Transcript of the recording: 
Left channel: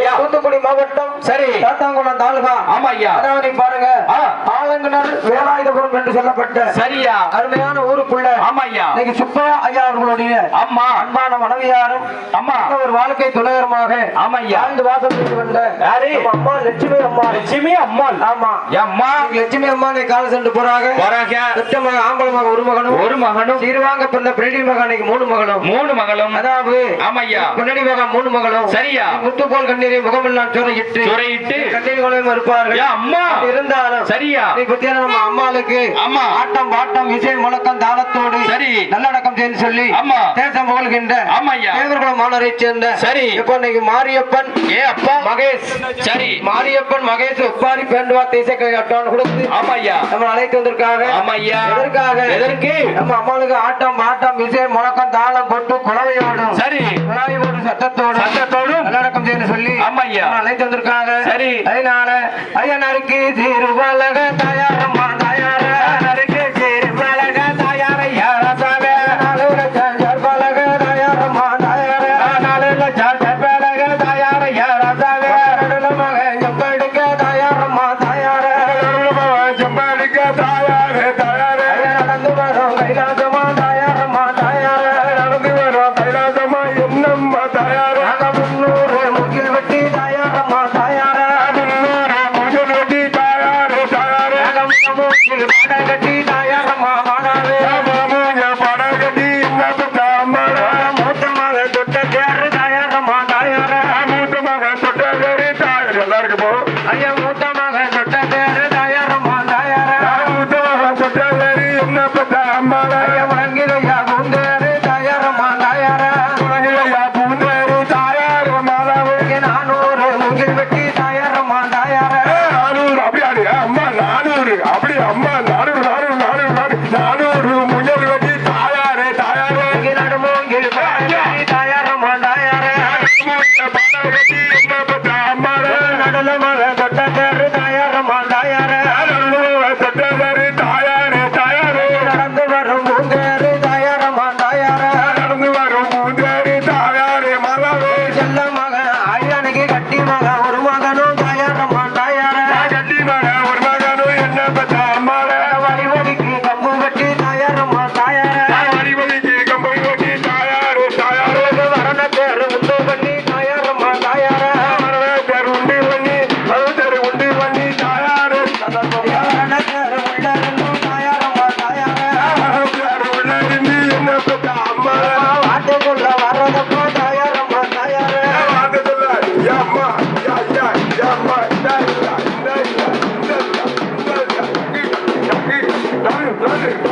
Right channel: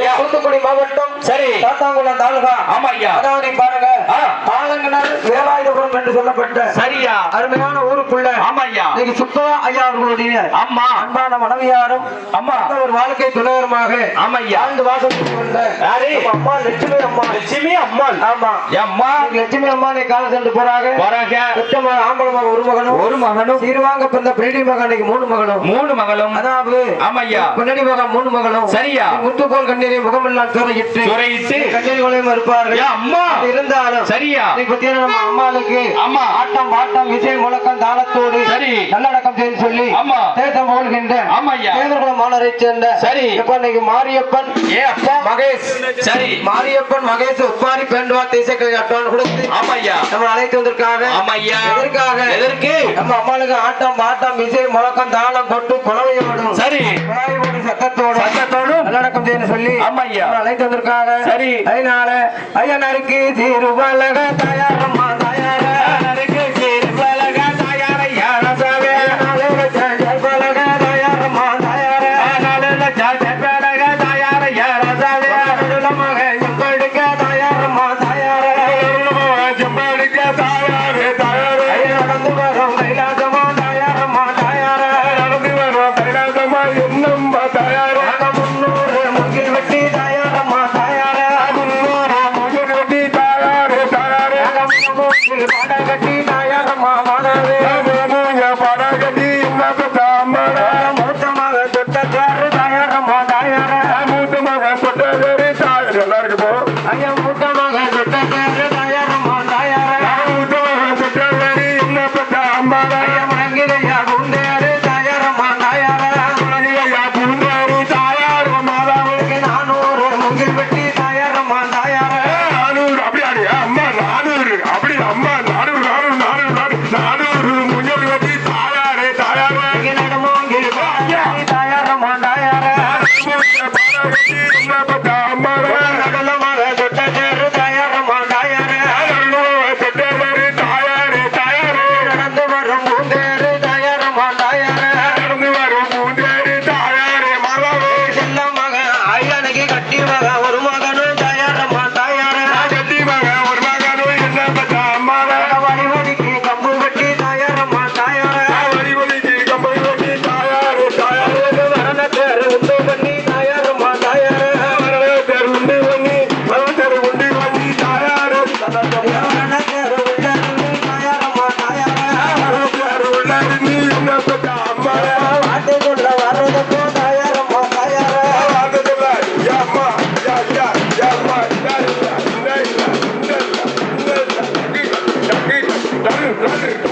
ஐயா. தூத்துக்குடி மாவட்டம் சரி. சாத்தாங்குளம் தாலுகா. ஆமா ஐயா அதான் நீ பாருங்க. ஆ, ஆலங்கனர் வேலாயுதபுரம் என்று சொல்லப்பட்ட சரியா. அருமையான ஊருக்குள்ள ஆமா ஐயா இன்னைக்கு சுப்பையா ஐயா அவர்களுடைய அம்மா அன்பான மனைவியாரும் அம்மா ஒரு வாழ்க்கை துணைவருமாக ஆமா ஐயா வாழ்ந்து வாசம் செய்து வந்த அம்மா லட்சுமி அம்மா. லட்சுமி அம்மாள் ஆமா. அம்மா லட்சுமி அம்மா கால சென்று போறாங்க. போறாங்க. பெற்ற மகன் ஆம்பளை மகன் ஒரு மகனும். ஒரு மகனும். சீர்வாங்க பிறந்த பிரெடி மகன் இன்னைக்கு மூணு மகனும் மூணு மகளும். அதாவது ஆமா ஐயா பின்னாடி மகன் மூணு மகனும் சரியா. முத்துக்கோள் கண்ணீரை முகமெல்லாம் துறையிட்டு துறையிட்டு இருப்பார்கள். ஐயா அம்மா. இருந்தாலும் சரியா. பத்தியான நம்ம அம்மாளுக்கு ஆமா ஆட்டம் பாட்டம் இசை முழக்கம் தாளத்தோடு சரி. நல்லடக்கம் செய்து சொல்லி ஆமா தேசம் புகழ்கின்ற ஆமா ஐயா. தேவர்குளம் மாணவரை சேர்ந்த சரி. இப்ப இன்னைக்கு மாரியப்பன் ஏ அப்பா. மகேஷ். சரி. மாரியப்பன் மகேஷ் உப்பாரி பேண்டுவார்த்தை இசைக்கலை அட்டான் கொடுத்து ஆமா ஐயா. நம்ம அழைத்து வந்திருக்காங்க. ஆமா ஐயா. எதற்காக? எதற்கு? நம்ம அம்மாளுக்கு ஆட்டம் பாட்டம் இசை முழக்கம் தாளம் கொட்டு குழவையோடும் சரி. குழாயோடும் சத்தத்தோடும் சத்தத்தோடும் நல்லடக்கம் செய்யணும் சொல்லி ஆமா ஐயா அழைத்து வந்திருக்காங்க சரி. அதனால ஐயனருக்கு திருவலக தயாரம்மா தயார. நறுக்கு சீர் பலக தாயார் ரசவே பலக தயாரம்மா தயார. லட்சம் பலக தாயார் ஐயா ரசவே. மக எம்பெடுக்க தயாரம்மா தயார. செம்படிக்க தாயாரே தாயாரே. மூங்கில் பாட கட்டி தயாரம்மா மாணவே படம் கட்டி என்ன தாமர. மூத்தமாக தொட்ட தேர் தாயார் எல்லாருக்கும் போ ஐயா மூத்தமாக தொட்ட தேர் ஐயா குந்தேரு தயாரம்மா தாயார் நானூறு முங்கில் வெட்டி நானூறு முயல் வெட்டி ¡Dale!